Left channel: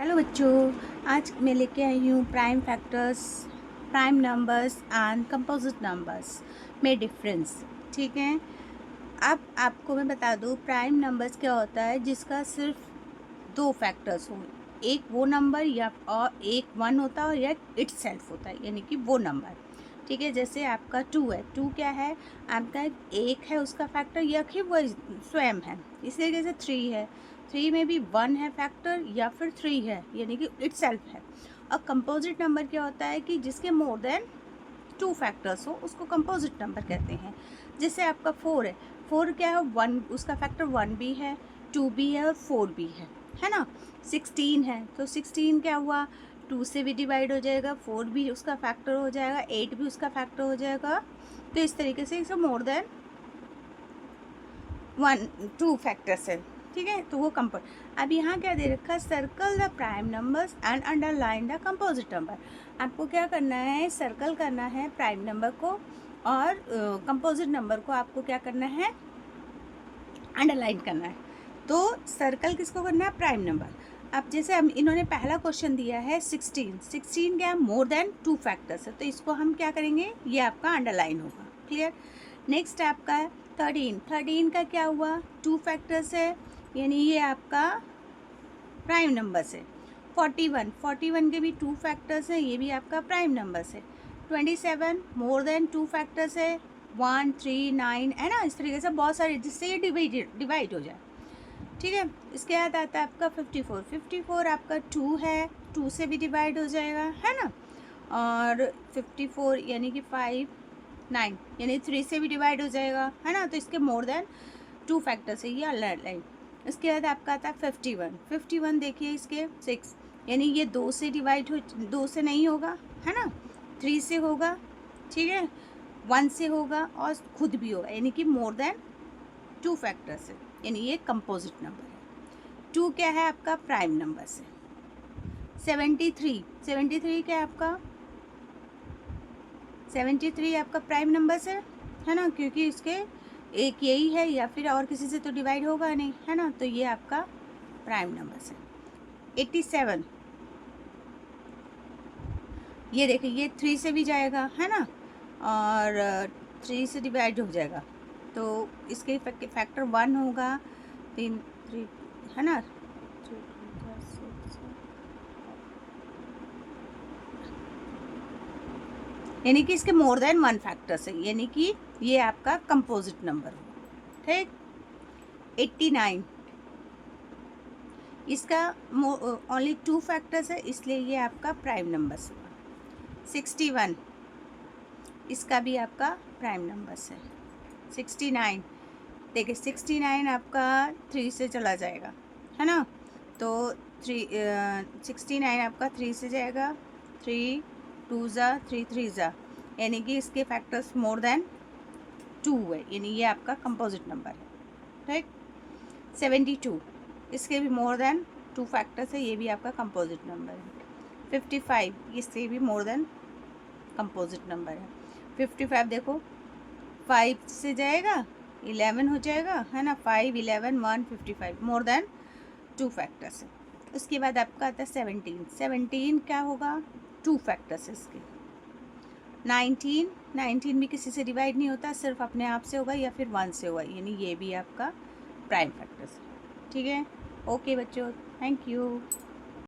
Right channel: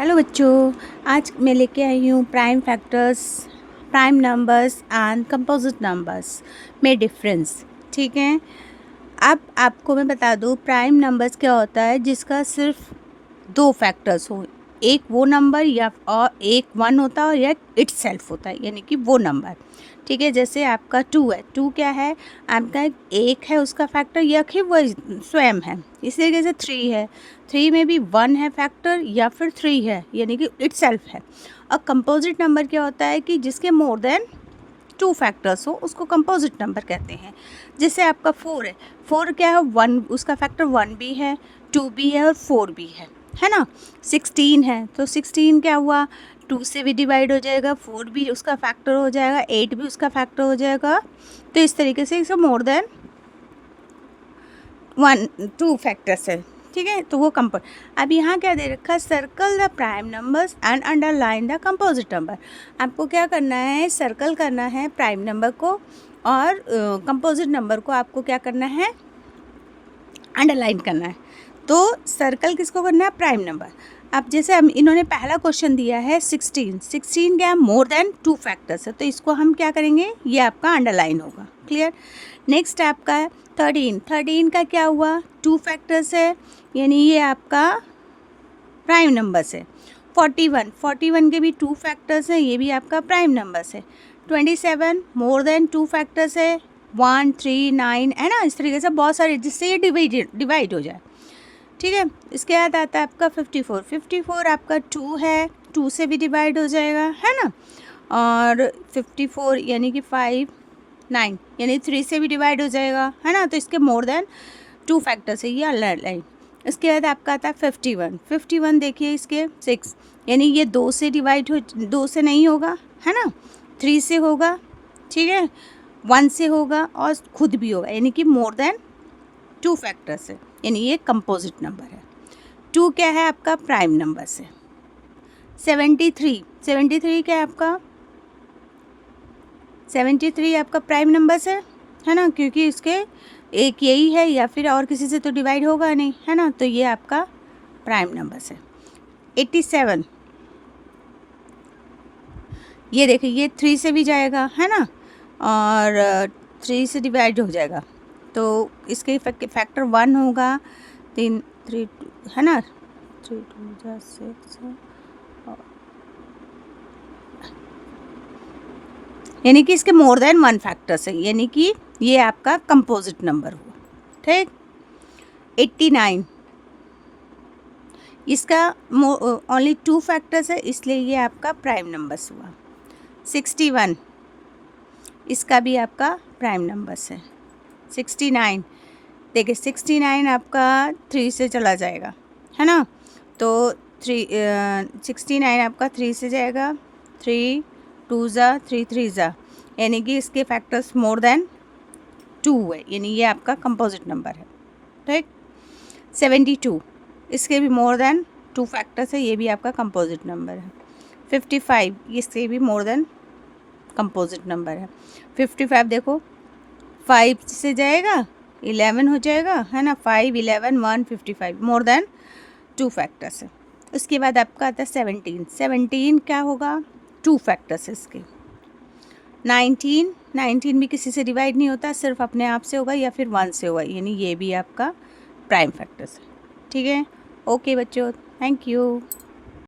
Hello बच्चों, आज मैं लेके आई हूँ prime factors, prime numbers and composite numbers में डिफरेंस। ठीक है, अब आपको मैं बता दूँ प्राइम नंबर्स क्या होता है जिसका सिर्फ दो फैक्टर्स हो, एक वो नंबर या और एक वन होता है और एक इटसेल्फ होता है, यानी कि वो नंबर। ठीक है, जैसे आपका टू है, टू क्या है आपका, एक है उसका फैक्टर या फिर वो स्वयं है। इसी तरीके से थ्री है, थ्री में भी वन है फैक्टर या फिर थ्री है, यानी कि इटसेल्फ है। और कंपोजिट नंबर क्या होता है कि जिसके मोर देन टू फैक्टर्स हो उसको कंपोजिट नंबर कहते हैं। जैसे आपका फोर है, फोर क्या है, वन उसका फैक्टर वन भी है, टू भी है और फोर भी है ना। 16 है तो 16 क्या हुआ, टू से भी डिवाइड हो जाएगा, फोर भी उसका फैक्टर हो जाएगा, एट भी उसका फैक्टर हो जाएगा। तो इस तरीके से इसे more than one two factors है। ठीक है, तो वो कंपोज। अब यहाँ क्या दे रखा है, circle the prime numbers and underline the composite number. आपको क्या करना है, सर्कल करना है प्राइम नंबर को और कंपोजिट नंबर को आपको क्या करना है, अंडरलाइन करना है। तो सर्कल किसको करना है, प्राइम नंबर। अब जैसे हम इन्होंने पहला क्वेश्चन दिया है 16, 16 क्या है, मोर देन टू फैक्टर्स है, तो इसको हम क्या करेंगे, ये आपका अंडरलाइन होगा। क्लियर। नेक्स्ट आपका है 13, 13 का क्या हुआ, टू फैक्टर्स है, यानी ये आपका प्राइम नंबर्स है। 41, 41 के भी टू फैक्टर्स हैं, ये भी आपका प्राइम नंबर्स है। 27 मोर देन टू फैक्टर्स है, 1 3 9 है ना। इस तरीके से बहुत सारे, जिससे ये डिवाइड हो जाए। ठीक है, इसके बाद आता है आपका 54, 54 आपका टू है, टू से भी डिवाइड हो जाएगा है ना। और 54 यानी कि 5 9 यानी 3 से भी डिवाइड हो जाएगा है ना। तो इसके मोर देन टू फैक्टर्स है, ये अंडरलाइन। इसके बाद आपका आता है 51, 51 देखिए इसके 6, यानी ये दो से डिवाइड हो, दो से नहीं होगा है ना, थ्री से होगा। ठीक है, वन से होगा और खुद भी होगा, यानी कि मोर देन टू फैक्टर्स है, यानी ये कंपोजिट नंबर है। टू क्या है आपका, प्राइम नंबर से। 73, 73 क्या है आपका, 73 आपका प्राइम नंबर से है ना, क्योंकि इसके एक यही है या फिर और किसी से तो डिवाइड होगा नहीं है ना, तो ये आपका प्राइम नंबर से। 87 ये देखिए, ये थ्री से भी जाएगा है ना, और थ्री से डिवाइड हो जाएगा, तो इसके फैक्टर वन होगा, तीन थ्री है ना, थ्री टू सिक्स, यानी कि इसके मोर देन वन फैक्टर्स है, यानी कि ये आपका कंपोजिट नंबर हो। ठीक। 89 इसका ओनली टू फैक्टर्स है, इसलिए ये आपका प्राइम नंबर्स हुआ। 61 इसका भी आपका प्राइम नंबर्स है। 69 देखिए, 69 आपका थ्री से चला जाएगा है ना, तो 69 आपका थ्री से जाएगा, थ्री टू ज़ा थ्री, थ्री ज़ा, यानी कि इसके फैक्टर्स मोर देन टू है, यानी ये आपका कंपोजिट नंबर है। ठीक। 72 इसके भी मोर देन टू फैक्टर्स है, ये भी आपका कंपोजिट नंबर है। 55 इससे भी मोर देन कंपोजिट नंबर है। 55 देखो, 5 से जाएगा 11 हो जाएगा है ना, 5 11 1 55 मोर देन टू फैक्टर्स है। उसके बाद आपका आता है 17, 17 क्या होगा, टू फैक्टर्स है इसके। 19, 19 भी किसी से डिवाइड नहीं होता, सिर्फ अपने आप से होगा या फिर वन से होगा, यानी ये भी आपका प्राइम फैक्टर्स है। ठीक है, ओके बच्चों, थैंक यू।